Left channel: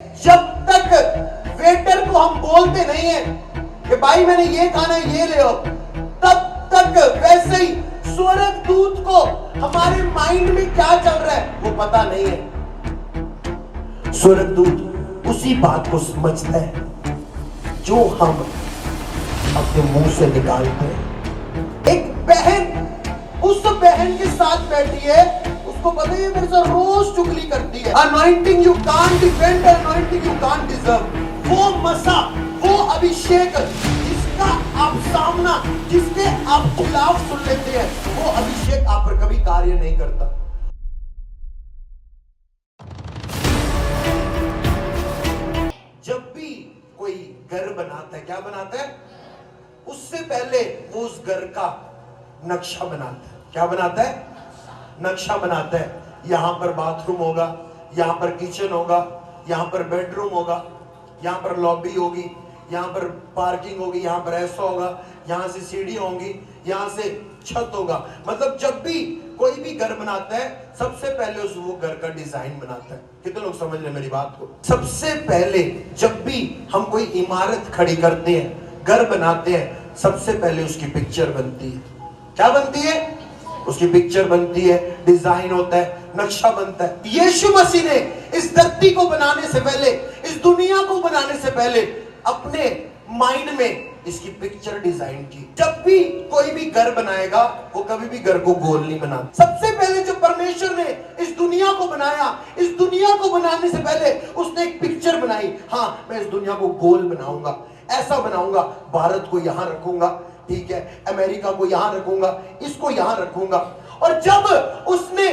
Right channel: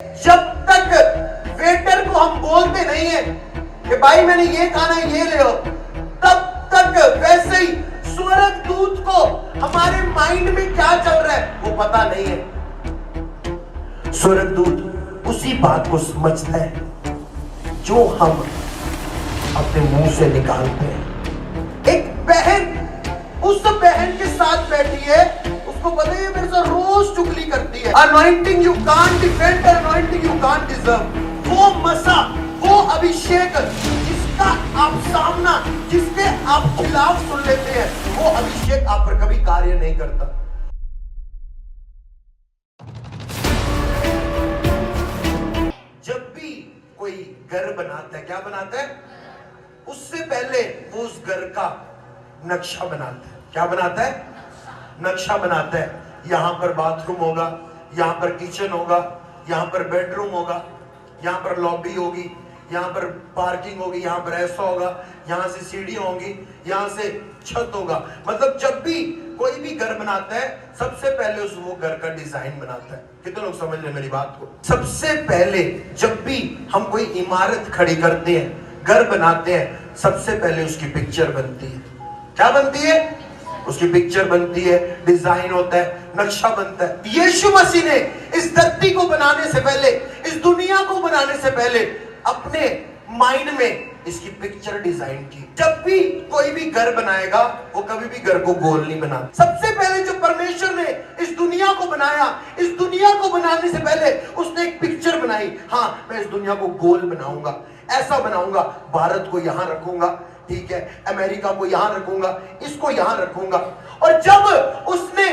जब तक वेटर को हम बोलते नहीं है कि भाई मैंने ये खाना है ये ले आओ, तब तक वैसे ही स्वर्गदूत को हमारे माइंड में क्या चल रहा है वो पता नहीं है। स्वर्गदूत उसी बात को समझता है जो हम अपने मुंह से निकालते हैं। एक बहन उस बहन के साथ बैठी है, उसको पता है मेरे से रोज चुगली करती है। Anointing you can't defend, anointing you can't deserve. वो मसा, वो अभिषेक जिसका आप सामना, जिसके आप खिलाफ सुन लेते हैं, वो अभिषेक आप पर कभी कार्य नहीं करता। जब भी कोई घर बनाता है, क्या बनाता है? उससे पहले वो उस घर का नक्शा बनाता है। क्या बनाता है? नक्शा बनाता है। यहां पर बाथरूम होगा, यहां पर किचन होगा, यहां पर बेडरूम होगा, यहां पर लॉबी होगी, यहां पर पार्किंग होगी, यहां पर ऐसा होगा, यहां से सीढ़ियां होंगी, यहां से छत होगा। मतलब जब भी कोई भी घर बनाता है सबसे पहले उस वो घर का डिजाइन बनाता है। कितने लोग समझ रहे मेरी बात को? सबसे पहले जब भी हम कोई इमारत खड़ी करते हैं, घर बनाते हैं, सबसे पहले उसकी पिक्चर बनती है। क्या बनती है? उसकी पिक्चर बनती है, डिजाइन होता है, नक्शा बनता है। यीशु मसीह ने इस धरती को बनाने से पहले, इस दुनिया को बनाने से पहले अपने माइंड में इसकी पिक्चर डिजाइन की। जब भी कोई भी घर बनाएगा वो कभी भी घर को गोल नहीं बनाता। सबसे पहले जब परमेश्वर ने इस दुनिया को बनाया, इस दुनिया को बनाने से पहले उसने एक पिक्चर बनाई। हाँ, मैं इस दुनिया को गोल बनाऊंगा, ऐसा बनाऊंगा, भारत को यहां रखूंगा, ठीक है, अमेरिका को यहां रखूंगा, इसको यहां रखूंगा। और जब उसने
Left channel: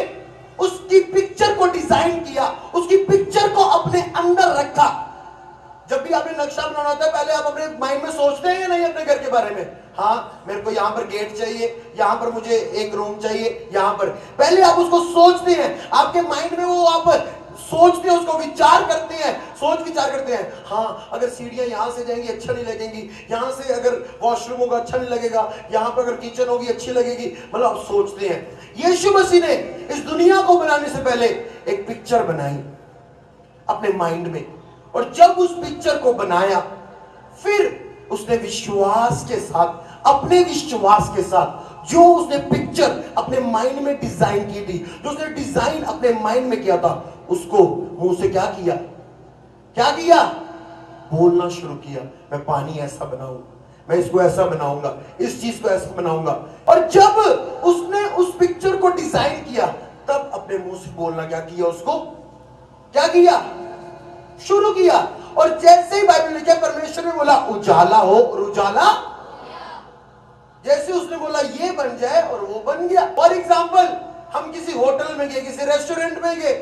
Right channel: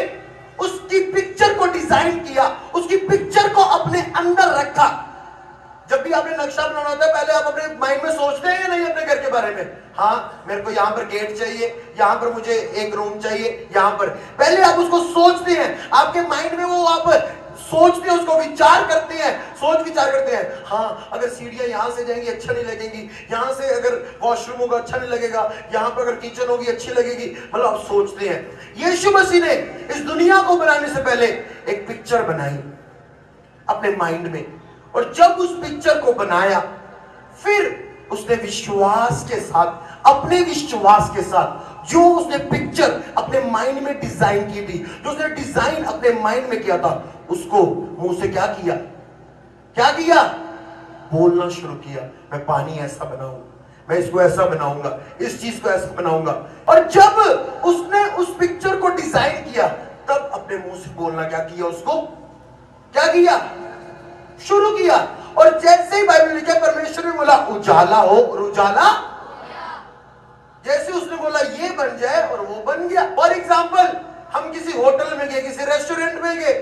उसकी पिक्चर को डिजाइन किया, उसकी पिक्चर को अपने अंदर रखा। जब भी आपने नक्शा बनाना होता है पहले आप अपने माइंड में सोचते हैं या नहीं अपने घर के बारे में? हाँ, मेरे को यहां पर गेट चाहिए, यहां पर मुझे एक रूम चाहिए, यहां पर पहले आप उसको सोचते हैं। आपके माइंड में वो आप सोचते हैं, उसको विचार करते हैं, सोच विचार करते हैं। हाँ, अगर सीढ़ियां यहां से जाएंगी अच्छा नहीं लगेगी, यहां से अगर वॉशरूम होगा अच्छा नहीं लगेगा, यहां पर अगर किचन होगी अच्छी लगेगी। मतलब आप सोचते हैं। यीशु मसीह ने इस दुनिया को बनाने से पहले एक पिक्चर बनाई अपने माइंड में, और जब उस पिक्चर को बनाया फिर उसने विश्वास के साथ, अपने विश्वास के साथ जो उसने पिक्चर अपने माइंड में डिजाइन की थी, जो उसने डिजाइन अपने माइंड में किया था, उसको मुंह से क्या किया? क्या किया? बोलना शुरू किया। मैं पानी ऐसा बनाऊंगा, मैं इसको ऐसा बनाऊंगा, इस चीज को ऐसा बनाऊंगा। और जब उसने उस पिक्चर को डिजाइन किया तब अपने मुंह से बोलना क्या किया? उसको क्या किया? शुरू किया। और जैसे ही बाइबल लिखा परमेश्वर ने बोला उजाला हो, और उजाला, जैसे उसने बोला ये बन जाए और वो बन गया। फॉर एग्जाम्पल, हम किसी होटल में गए, किसी रेस्टोरेंट में गए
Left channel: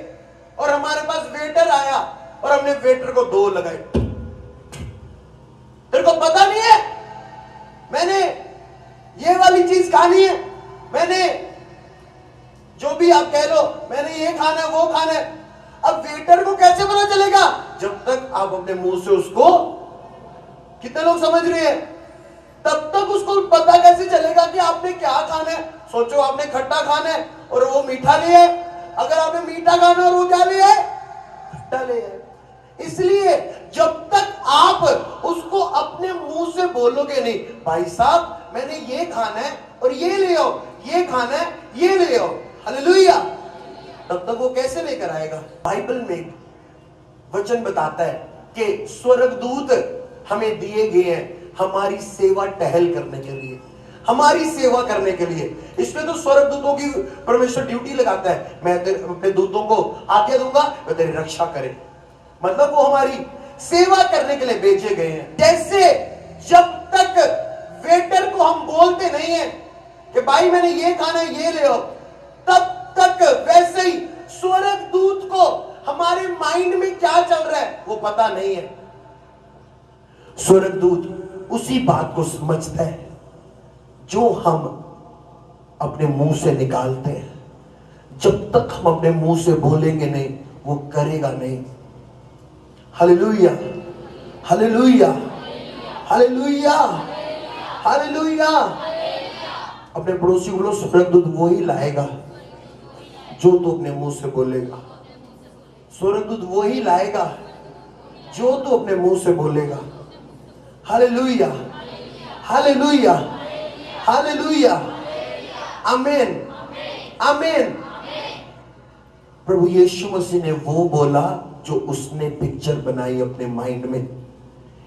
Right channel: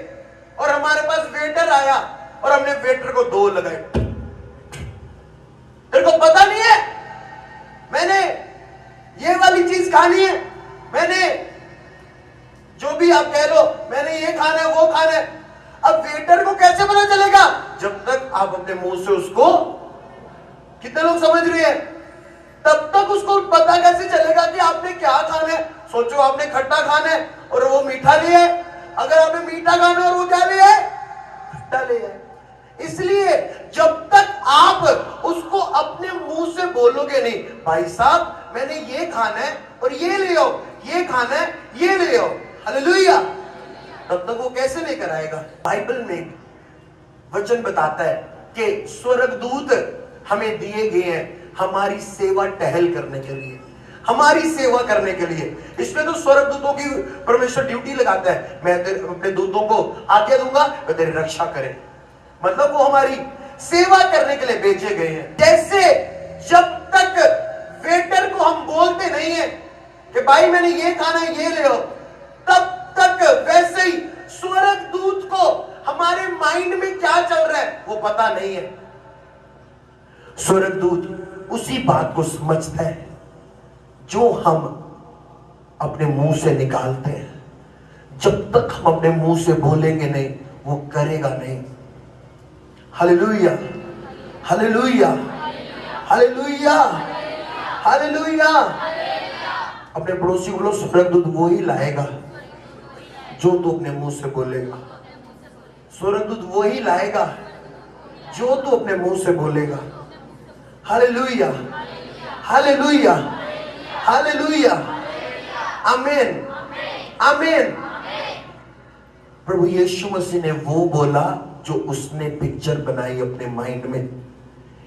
और हमारे पास वेटर आया और हमने वेटर को दो लगाए। तेरे को पता नहीं है मैंने ये वाली चीज खानी है, मैंने जो भी आप कह लो, मैंने ये खाना है वो खाना है। अब वेटर को कैसे पता चलेगा? जब तक आप अपने मुंह से उसको, कितने लोग समझ रहे हैं, तब तक उसको पता कैसे चलेगा कि आपने क्या खाना है? सोचो आपने खट्टा खाना है और वो मीठा लिया है। अगर आपने मीठा खाना है और वो क्या लिया है? खट्टा लिया है। इसलिए जब तक आप उसको अपने मुंह से बोलोगे नहीं, भाई साहब मैंने ये खाना है और ये ले आओ, ये खाना है ये ले आओ, हालेलुया, तब तक वो कैसे लेकर आएगा? बाइबल में वचन बताता है कि स्वर्गदूत हमें दिए गए हैं हमारी सेवा टहल करने के लिए, हमारी सेवा करने के लिए। इसलिए तो स्वर्गदूतों की परमेश्वर ड्यूटी लगाता है। मैं अपने दूतों को आज्ञा दूंगा वे तेरी रक्षा करें। मतलब वो हमारी सेवा करने के लिए भेजे गए हैं। जैसे जब तक वेटर को हम बोलते नहीं है कि भाई मैंने ये खाना है ये ले आओ, तब तक वैसे ही स्वर्गदूत को हमारे माइंड में क्या चल रहा है वो पता नहीं है। स्वर्गदूत उसी बात को समझता है जो हम अपने मुंह से निकालते हैं। जब तक हम अपने मुंह से बोलेंगे नहीं वो करेगा नहीं। Hallelujah, hallelujah, hallelujah, hallelujah. अपने पड़ोसी को बोलो स्वर्गदूत वो ही लाएगा जो तू अपने मुंह से बोलेगा। स्वर्गदूत वो ही लाएगा जो तू अपने मुंह से बोलेगा। हालेलुया, हालेलुया, हालेलुया, आमीन, आमीन। प्रभु यीशु मसीह ने वो बोला जो उसने पिक्चर बनाई अपने माइंड में।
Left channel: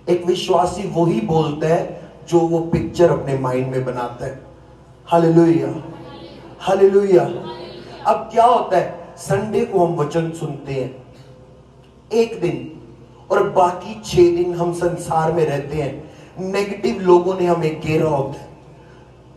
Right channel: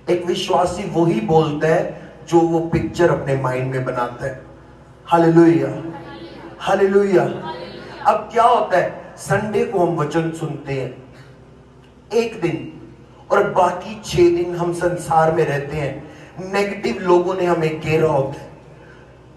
एक विश्वासी वो ही बोलता है जो वो पिक्चर अपने माइंड में बनाता है। Hallelujah, hallelujah. अब क्या होता है, संडे को हम वचन सुनते हैं एक दिन, और बाकी 6 दिन हम संसार में रहते हैं। नेगेटिव लोगों ने हमें घेरा होता है,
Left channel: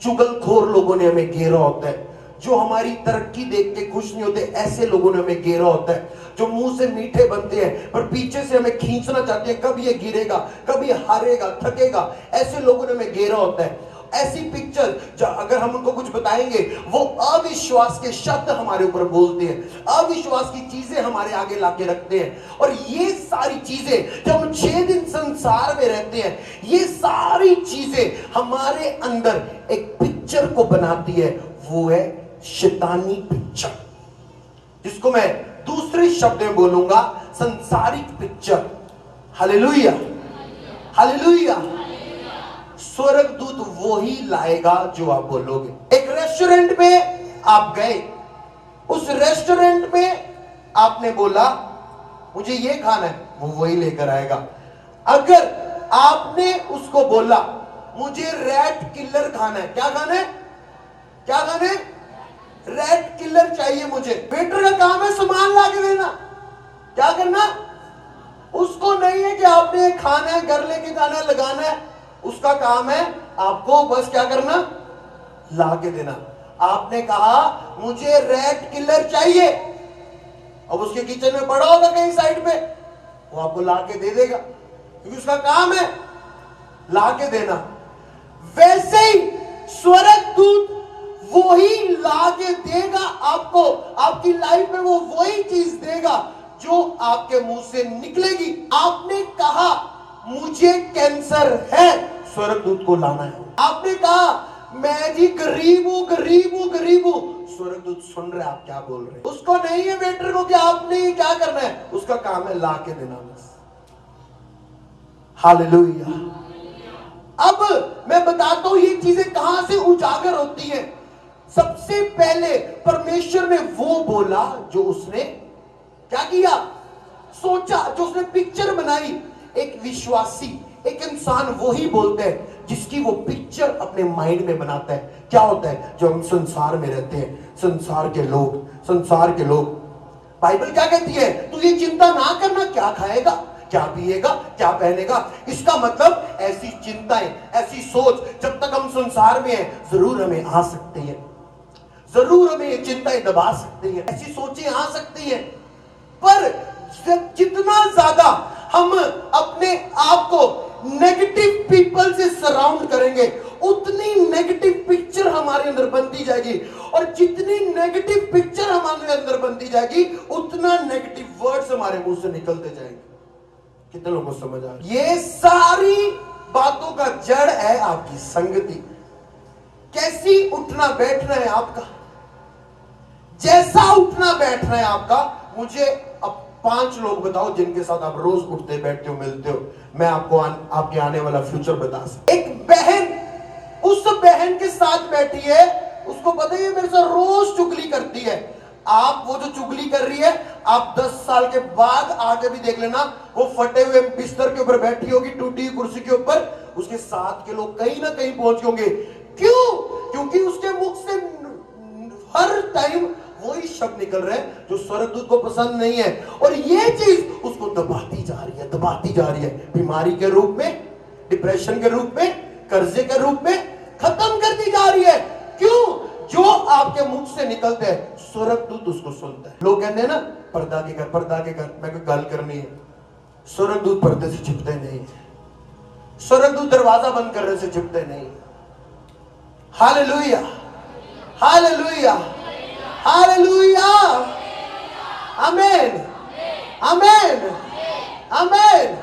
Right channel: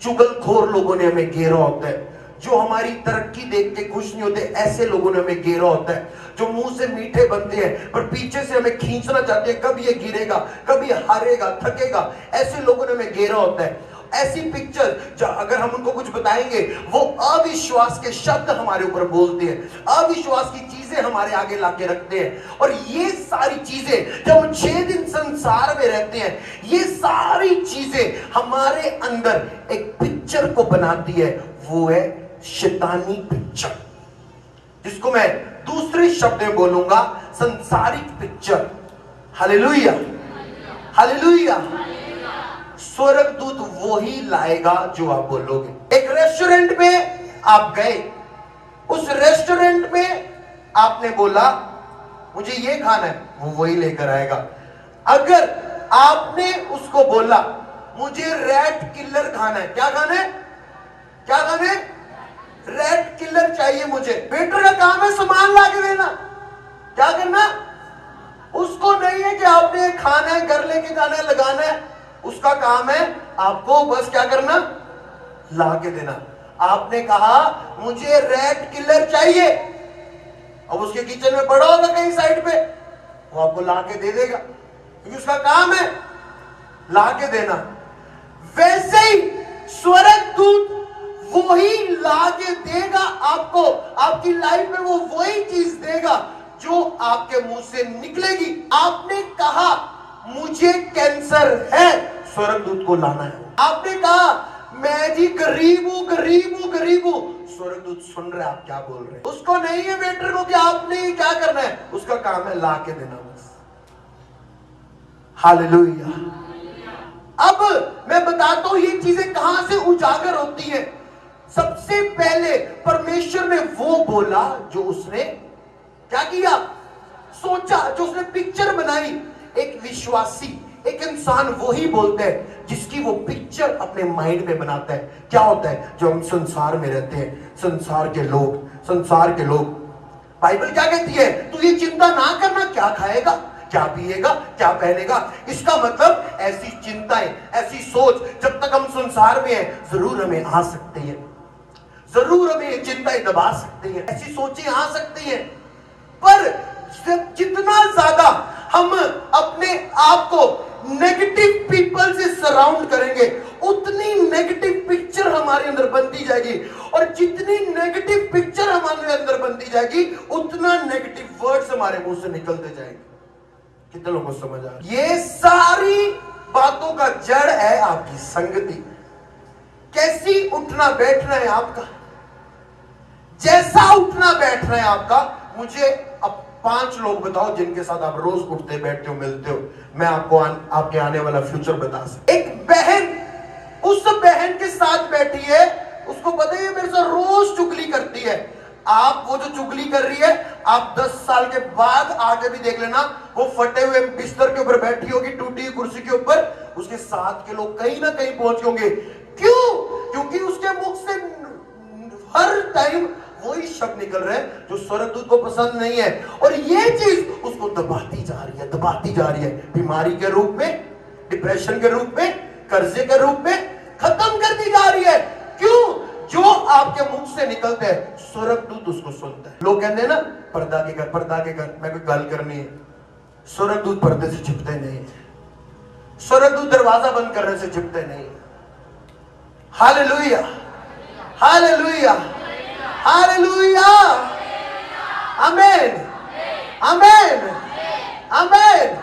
चुगलखोर लोगों ने हमें घेरा होता है, जो हमारी तरक्की देख के खुश नहीं होते ऐसे लोगों ने हमें घेरा होता है, जो मुंह से मीठे बनते हैं पर पीछे से हमें खींचना चाहते हैं, कब ये गिरेगा, कब ये हारेगा, थकेगा, ऐसे लोगों ने हमें घेरा होता है। ऐसी पिक्चर अगर हम उनको कुछ बताएंगे, वो अविश्वास के शब्द हमारे ऊपर बोलते हैं, अविश्वास की चीजें हमारे आगे लाके रखते हैं। और ये सारी चीजें जब हम 6 दिन संसार में रहते हैं, ये सारी चीजें हमारे अंदर एक पिक्चर को बनाती है। वो है शैतानी पिक्चर, जिसको मैं दूसरे शब्द में बोलूंगा संसारिक पिक्चर। Hallelujah, hallelujah. स्वर्गदूत वो ही लाएगा जो आप बोलोगे। एक रेस्टोरेंट में आप गए, उस रेस्टोरेंट में आपने बोला मुझे ये खाना है, वो वही लेकर आएगा। अगर आपने उसको बोला मुझे रैट किलर खाना है, क्या खाना है, क्या खाना है, रैट किलर चाहिए मुझे, वेटर का काम है सामान ला के देना। क्या करना, उसको नहीं है कि आपने खाना है, घर लेके जाना है, लगाना है, उसका काम है आपको बस क्या करना, ला के देना। आपने कहा मुझे रैट किलर चाहिए, अब उसके किचन में पड़ा होगा कहीं साइड पे, वो आपको ला के दे देगा, क्योंकि उसका काम है ला के देना। वैसे ही स्वर्गदूत वो ही ला के देगा आपको, आपकी लाइफ में वो वही चीज देगा जो आपके मुंह से निकलेगी। आपने कहा मुझे कैंसर है, स्वर्गदूत को लाना है। आपने कहा मैं जी गरीब हूं, गरीब हूं, गरीब हूं, स्वर्गदूत सुन रहे आप क्या बोल रहे हैं। उसको नहीं है वेटर को कि आपने क्या करना है, उसका काम है ला के देना बस। हालेलुया। अब मैं बताता हूं ये चीजें कहां से उजागर होती है। सबसे पहले परमेश्वर ने वो बोला जो उसने क्या किया, सोचा, जो उसने पिक्चर बनाई। एक विश्वासी, एक इंसान वो ही बोलता है जिसकी वो पिक्चर अपने माइंड में बनाता है। क्या होता है, जो हम संसार में रहते हैं, संसार के लोग, बाइबल क्या कहती है, तू ये चिंता ना करना क्या खाएगा, क्या पिएगा, क्या पहनेगा। इसका मतलब ऐसी चिंताएं, ऐसी सोच जब तक हम संसार में हैं जरूर हमें आ सकती है, जरूर हमें ये चिंताएं दबा सकती है, ऐसी सोचें आ सकती है। पर जितना ज्यादा हम अपने आप को नेगेटिव पीपल से सराउंड करेंगे, उतनी नेगेटिव पिक्चर हमारे अंदर बनती जाएगी, और जितनी नेगेटिव पिक्चर हमारे अंदर बनती जाएगी उतना नेगेटिव वर्ड्स हमारे मुंह से निकलते जाएंगे। कितने लोगों को समझ आ रहा है? ये सारी बातों का जड़ है आपकी संगति। कैसी उठना बैठना है आपका, जैसा उठना बैठना है आपका। मुझे अब 5 लोग बताओ जिनके साथ आप रोज उठते बैठते हो, मिलते हो, मैं आपको आपके आने वाला फ्यूचर बता सकता। एक बहन उस बहन के साथ बैठी है, उसको पता है मेरे साथ रोज चुगली करती है। आप वो जो चुगली कर रही है, आप 10 साल के बाद आगे भी देख लेना, वो फटे हुए बिस्तर के ऊपर बैठी होगी, टूटी हुई कुर्सी के ऊपर, उसके साथ के लोग कहीं ना कहीं पहुंच होंगे। क्यों? क्योंकि उसके मुख से हर टाइम वही शब्द निकल रहे हैं जो स्वर्गदूत को पसंद नहीं है, और ये चीज उसको दबाती जा रही है, दबाती जा रही है, बीमारी के रूप में, डिप्रेशन के रूप में, कर्जे के रूप में खत्म करती जा रही है। क्यों? जो आपके मुख से निकलते हैं स्वर्गदूत उसको सुनता है। लोग कहते हैं ना पर्दा के घर, पर्दा के घर, मैं कोई गल करनी है, स्वर्गदूत पर्दे से छिपते नहीं, स्वर्गदूत दरवाजा बंद करने से छिपते नहीं। हालेलुया, हालेलुया, हालेलुया, आमीन, आमीन, आमीन।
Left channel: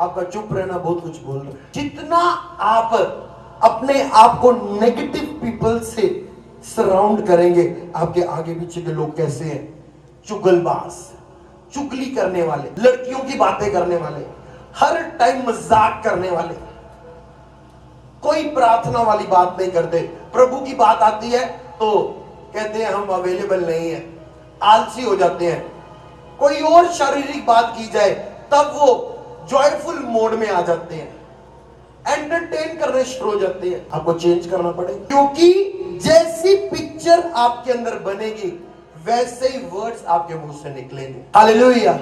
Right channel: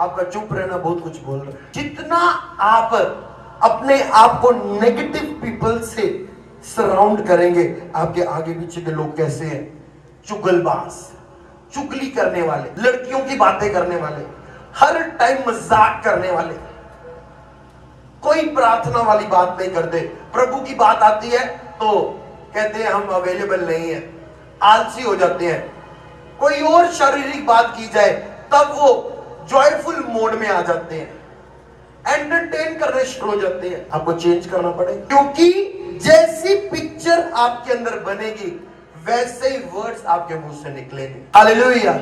आपका चुप रहना बहुत कुछ बोल रहा है। जितना आप अपने आप को नेगेटिव पीपल से सराउंड करेंगे, आपके आगे पीछे के लोग कैसे हैं, चुगलबाज, चुगली करने वाले, लड़कियों की बातें करने वाले, हर टाइम मजाक करने वाले, कोई प्रार्थना वाली बात नहीं करते। प्रभु की बात आती है तो कहते हैं हम अवेलेबल नहीं है, आलसी हो जाते हैं। कोई और शारीरिक बात की जाए तब वो जॉयफुल मोड में आ जाते हैं, एंटरटेन करने शुरू हो जाते हैं। आपको चेंज करना पड़ेगा, क्योंकि जैसी पिक्चर आपके अंदर बनेगी वैसे ही वर्ड्स आपके मुंह से निकलेंगे। हालेलुया।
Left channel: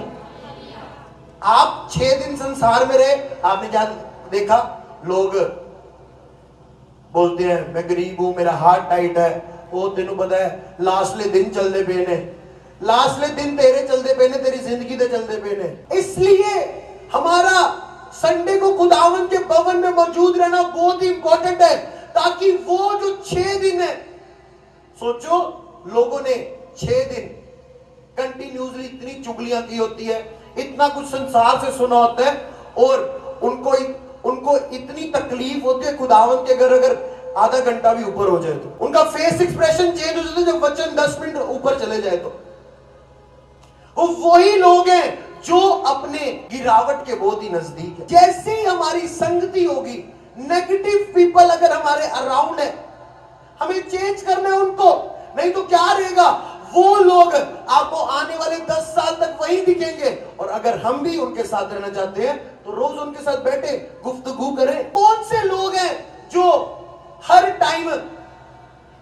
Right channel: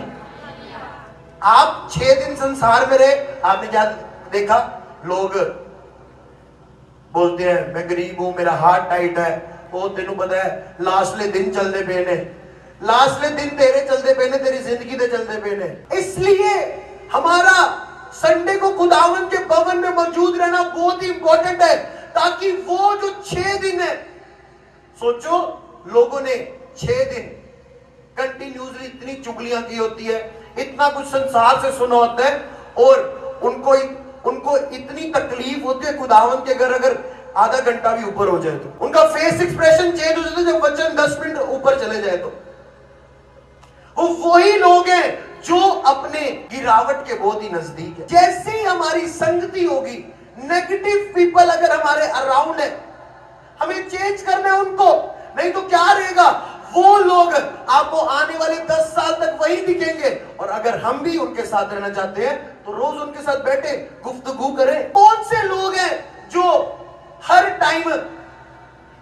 आप 6 दिन संसार में रहे, आपने क्या देखा? लोग बोलते हैं मैं गरीब हूं, मेरा हार्ट टाइट है। वो तेनू पता है लास्टले दिन चलते पे ने, लास्टले दिन तेरे चलते पे ने, तेरी जिंदगी दे चलते पे ने। इसलिए हमारा संडे को खुदावन के भवन में मौजूद रहना बहुत ही इंपॉर्टेंट है, ताकि वो जो 6 दिन है, सोचो लोगों ने 6 दिन कंटिन्यूसली इतनी चुगलियां की होती है, इतना कुछ संसार से सुना होता है, और उनको इतनी तकलीफ होती है खुदावन के घर अगर आधा घंटा भी ऊपर हो जाए तो उनका फेस एक्सप्रेशन चेंज हो जाता है जब वचन 10 मिनट ऊपर चले जाए तो। वो वही लोग हैं जो अपने गिरावट के बहुत ही नजदीक है। जैसे ही हमारी संगति होगी, नेगेटिव पीपल अगर हमारे अराउंड है, हमें चेंज करना है उनको, नहीं तो क्या रहेगा? वो लोग आपको आने वाले 10 साल तक वही दिखेंगे। और अगर हम भी उनके साथ रहना चाहते हैं तो रोज उनके साथ बैठे गुफ्तगू करें। कौन से लोग हैं जो हर टाइम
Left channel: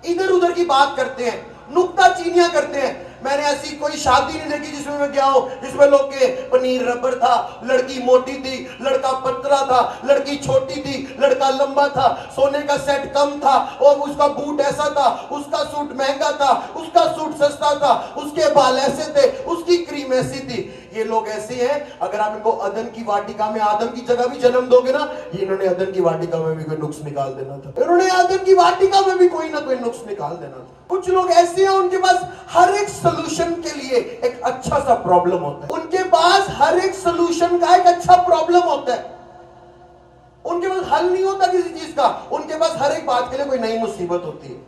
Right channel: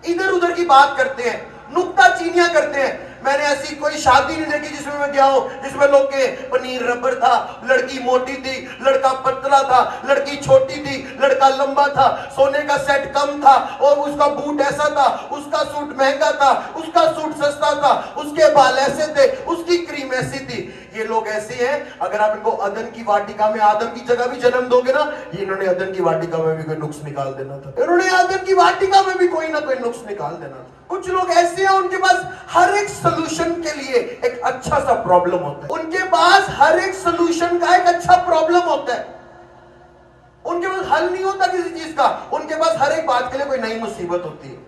इधर उधर की बात करते हैं, नुक्ताचीनियां करते हैं? मैंने ऐसी कोई शादी नहीं देखी जिसमें मैं गया हूं जिसमें लोग के पनीर रबर था, लड़की मोटी थी, लड़का पतला था, लड़की छोटी थी, लड़का लंबा था, सोने का सेट कम था, और उसका बूट ऐसा था, उसका सूट महंगा था, उसका सूट सस्ता था, उसके बाल ऐसे थे, उसकी क्रीम ऐसी थी। ये लोग ऐसे हैं, अगर आप इनको अदन की वाटिका में आदम की जगह भी जन्म दोगे ना, इन्होंने अदन की वाटिका में भी कोई नुक्स निकाल देना था, इन्होंने अदन की वाटिका में भी कोई ना कोई नुक्स निकाल देना था। कुछ लोग ऐसे हैं, उनके पास हर एक सोल्यूशन के लिए एक अच्छा सा प्रॉब्लम होता है, उनके पास हर एक सोल्यूशन का एक अच्छा प्रॉब्लम होता है। उनके पास हल नहीं होता किसी चीज का, उनके पास हर एक बात के लिए कोई नई मुसीबत होती है।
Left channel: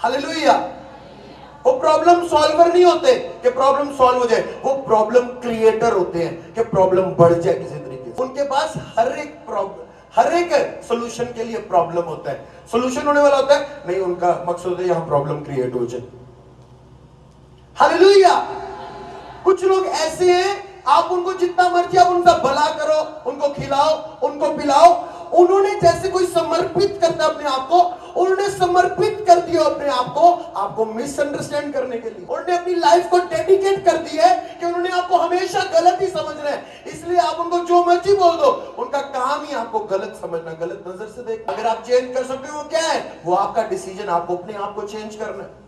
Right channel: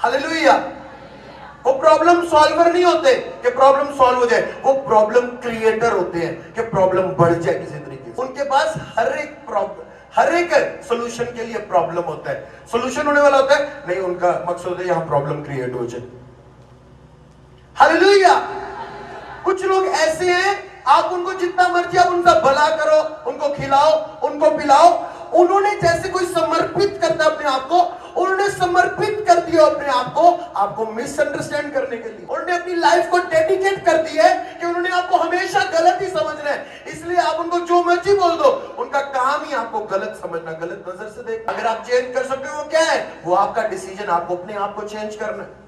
हालेलुया। वो प्रॉब्लम सॉल्वर नहीं होते कि प्रॉब्लम सॉल्व हो जाए, वो प्रॉब्लम क्रिएटर होते हैं कि प्रॉब्लम बढ़ जाए किसी तरीके से। उनके पास हर एक सोल्यूशन के लिए प्रॉब्लम होता है, सोल्यूशन होने वाला होता है नहीं, उनका मकसद है यहां प्रॉब्लम क्रिएट हो जाए। हालेलुया। कुछ लोग ऐसे हैं, आप उनको जितना मर्जी आप उनका भला करो, उनको खिलाओ, उनको पिलाओ, उन्होंने जैसे कोई समर्पित करता अपने आप को, उन्होंने समर्पित कर दिया अपने आप को आपको मिसअंडरस्टैंड करने के लिए। उन्होंने अपनी लाइफ को डेडिकेट कर दी है कि उन्होंने आपको हमेशा गलत ही समझना है, इसलिए आप उनको जो मर्जी बोल दो, उनका काम ही आपको गलत समझना, गलत नजर से देख। अगर आप चेंज कर सकते हो वो क्या है? वो आपका डिसीजन, आपको अपने आप को चेंज करना है।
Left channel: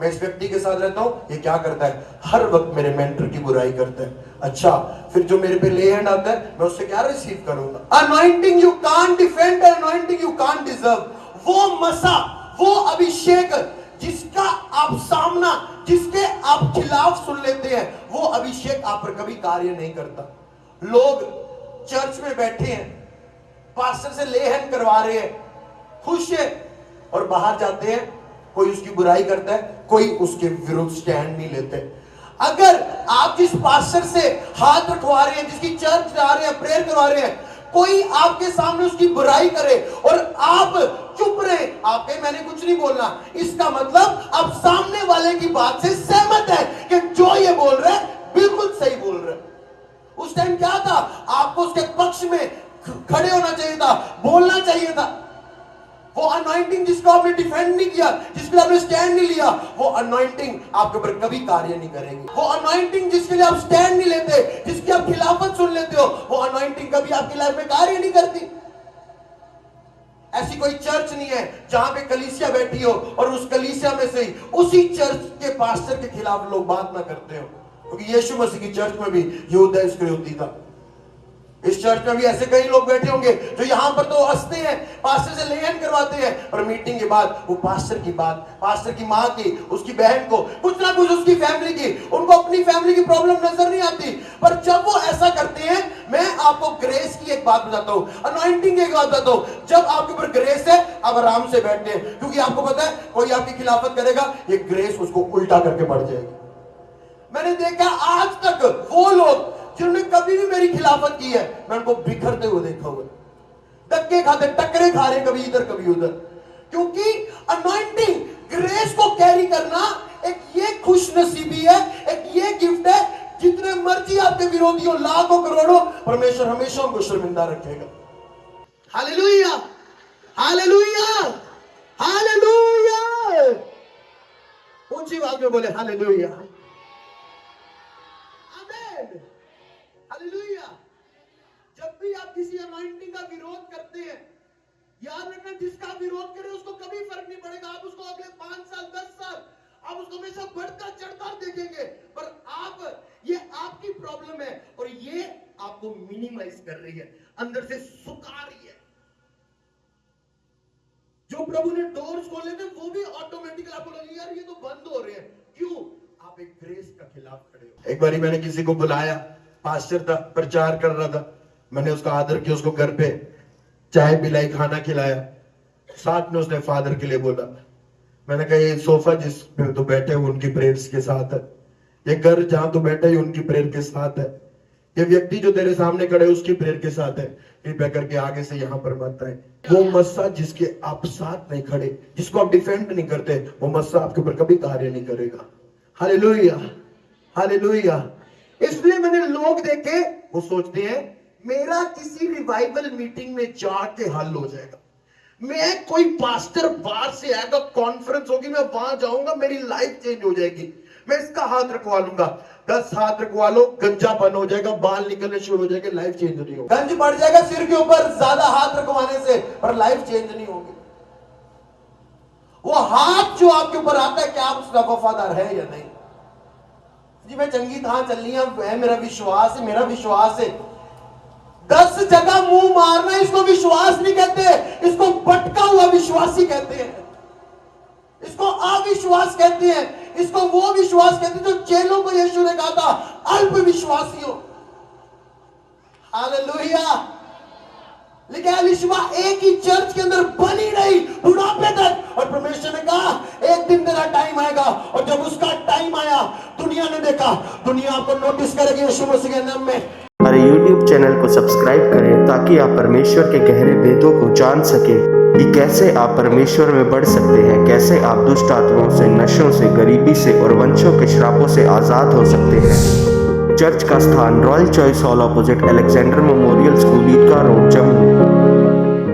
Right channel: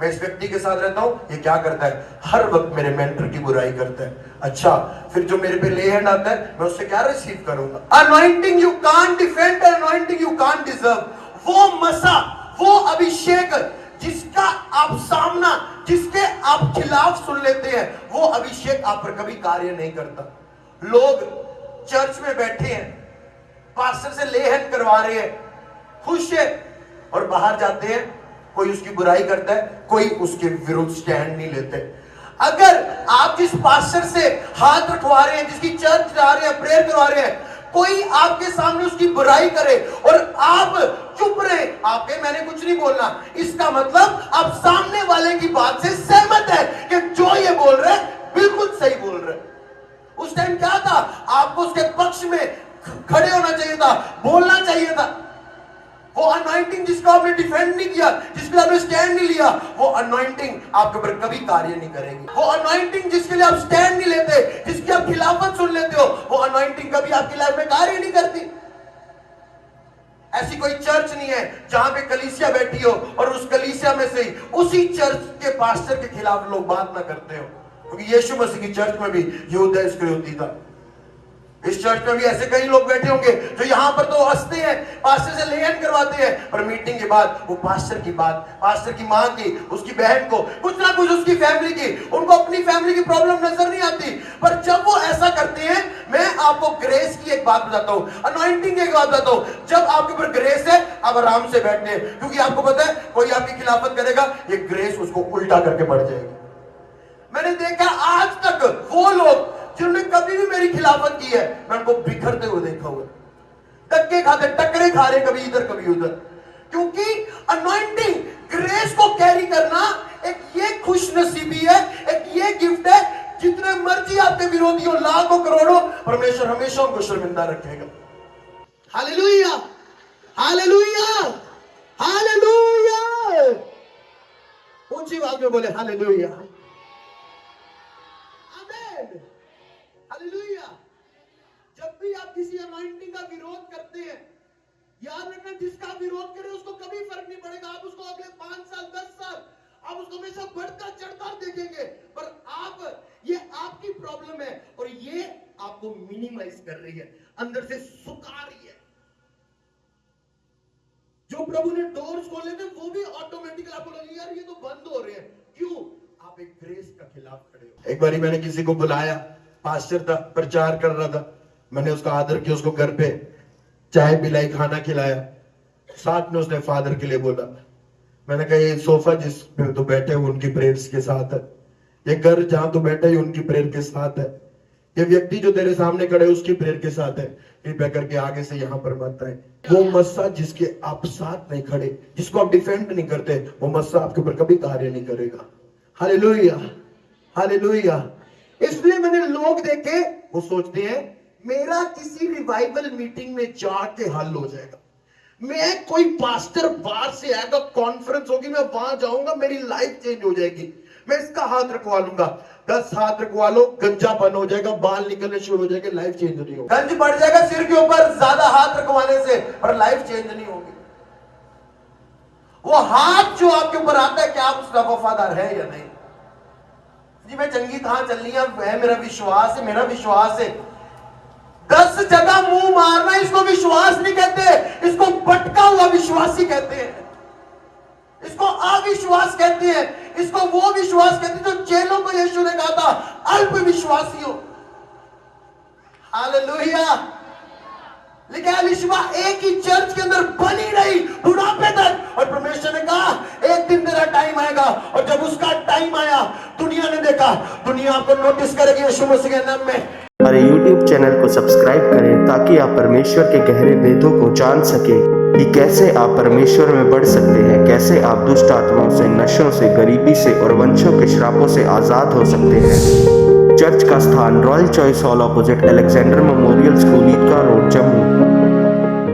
मैं इस व्यक्ति के साथ रहता हूं, ये क्या करता है? हर वक्त मेरे मेंटर की बुराई करता है। अच्छा, फिर जो मेरे पे ले हैंड आता है मैं उससे क्या रिसीव करूंगा? Anointing you can't defend, anointing you can't deserve. वो मसा, वो अभिषेक जिसका आप सामना, जिसके आप खिलाफ सुन लेते हैं, वो अभिषेक आप पर कभी कार्य नहीं करता। लोग चर्च में बैठे हैं, पास्टर से ले हैंड करवा रहे हैं, खुश है, और बाहर जाते हैं कोई उसकी बुराई करता है, कोई उसके विरुद्ध स्टैंड नहीं लेते। अगर आप जिस पास्टर से हाथ रखवा रहे हैं, जिसकी चर्च जा रहे हैं, प्रेयर करवा रहे हैं, कोई आपके सामने उसकी बुराई करे और आप चुप रहे, आपके मैंने कुछ नहीं बोलना, इसका मतलब आप सामने वाले की बात से सहमत है कि जो ये बोल रहे हैं बिल्कुल सही बोल रहे हैं। उस टाइम क्या था? आपको उसके पक्ष में खड़े होना चाहिए था, बोलना चाहिए था। वो अनॉइंटिंग जिसको आपने डिफेंड नहीं किया, जिसके लिए आपने स्टैंड नहीं लिया, वो अनॉइंटिंग आपके ऊपर कभी कार्य नहीं करेगी। वो अनॉइंटिंग जिसके लिए आप स्टैंड नहीं लेते, जिसकी आप खिलाफत सुन लेते हो, वो अनॉइंटिंग कभी आपकी लाइफ में कार्य नहीं करती। ऐसी कोई चर्च नहीं है जहां पे कलीसिया बैठी हो और उस कलीसिया में से उसी चर्च के पास्टर के खिलाफ लोग बात ना करते हो, क्योंकि यीशु मसीह की चर्च में भी यहूदा इस्करियोती था। इस चर्च में भी ऐसे कई लोग बैठे होंगे जो यहां पर तो हंसते हैं, पास्टर से लेन करवाते हैं, पर मीटिंग के बाद वो पास्टर की बात, पास्टर की मां की, उसकी बहन को, कुछ ना कुछ उसकी फैमिली की, उनको अपनी फैमिली की प्रॉब्लम नजर नहीं आती। पर जब वो ऐसा करते हैं, मैं आपको ग्रेस की एक बात बताता हूं, अनॉइंटिंग की एक बात बताता हूं। जब आपके ऊपर ग्रेस है, आप आराम से बैठते हैं, क्योंकि आपको पता है कोई आपकी खिलाफत करेगा, ये ग्रेस उसको उल्टा करके बढ़ जाएगी। मैंने देखा आज तक वो लोग जिन्होंने कभी भी मेरी खिलाफत की है, मैं उनको बिखरते हुए देखा हुआ, धक्के खाते, टक्करे खा रहे, कभी इधर कभी उधर। क्योंकि अनॉइंटिंग, ग्रेस को कैरी करना एक ये खुशनसीबी है, एक ये गिफ्ट है, जितने मर्जी आपके विरोधी हो, लाखों करोड़ों, परमेश्वर हमेशा उनको शर्मिंदा रखेगा। Hallelujah, hallelujah, hallelujah. ऊंची आवाज में बोले हालेलुया, आमीन, हालेलुया। जब भी आप किसी अनॉइंटिंग का विरोध करते हैं, याद रखना जिसका विरोध करे उसको कभी फर्क नहीं पड़ेगा। आप उसको अगले 5 साल 10 साल आप उसको हमेशा बढ़ता चढ़ता देखेंगे, पर ये आपकी प्रॉब्लम है और ये आपको मिनिमाइज कर रही है, अंदर से सुखा रही है। जो प्रभु ने डोर्स खोले थे वो भी ऑटोमेटिकली आपको लगे यार ये तो बंद हो रहे हैं, क्यों? आप एक ग्रेस का खिलाफ खड़े हो। एक बारी मैंने किसी को बुलाया, पास्टर था, प्रचार कर रहा था, मैंने उसका आदर किया, उसको घर पे चाय पिलाई, खाना खिलाया, साथ में उसने फादर के लिए बोला। मैंने कहा ये सोफा जिस पे तो बैठे हो उनकी प्रेयर्स के साथ है, ये घर जहां तो बैठे हो उनकी प्रेयर के साथ है, ये व्यक्ति जो तेरे सामने खड़े उसकी प्रेयर के साथ है, कृपया करके आगे से यहां पर मत आए। वो मस्सा जिसके आप साथ नहीं खड़े, जिसको आप डिफेंड नहीं करते, वो मस्सा आपके ऊपर कभी कार्य नहीं करेगा। Hallelujah, hallelujah. इसलिए मैंने लोग देखे, वो सोचते हैं मेरा किसी रिवाइवल मीटिंग में जाके हल हो जाएगा, मैं कोई पास्टर बाहर से आएगा, कॉन्फ्रेंस होगी, मैं वहां जाऊंगा, मेरी लाइफ चेंज हो जाएगी, मैं इसका हाथ रखवा लूंगा, 10 हाथ रखवा लो, गंजा बंद हो जाएगा, बाल निकलने शुरू हो जाएंगे, लाइफ चेंज नहीं होगी। गंज बढ़ जाएगा सिर के ऊपर ज्यादा हाथ रखवाने से, पर लाइफ चेंज नहीं होगी। वो हाथ जो आपके ऊपर आता है, क्या आप उसका वफादार है या नहीं? जी मैं चंगी कहां चलनी है, वह मेरा विश्वास है, मेरा विश्वास है। 10 जगह मुंह मारना इसको विश्वास नहीं कहते, इसको भटका हुआ विश्वासी कहते हैं, इसको अविश्वास कहते हैं, इसको वो विश्वास कहते हैं जो चेलों को यीशु ने कहा था अल्प विश्वासियों। हालेलुया। लेकिन एलिशबा एक ही चर्च के अंदर बनी रही बुढ़ापे तक, और परमेश्वर ने कहा एक दिन तेरा टाइम आएगा, और जब उसका टाइम आया दुनिया ने देखा, दुनिया आपको नोटिस करेगी यीशु मसीह के नाम में। हमारे YouTube चैनल को सब्सक्राइब करें ताकि आप परमेश्वर के गहरे भेदों को जान सकें कि कैसे आप परमेश्वर में बढ़ सकते हैं, कैसे आप दुष्ट आत्माओं से, नशों से, गरीबी से और वंशों के श्रापों से आज़ाद हो सकते हैं। चर्च का स्थान royal choice hall opposite Alexander memorial school, Eidgah road, Jammu.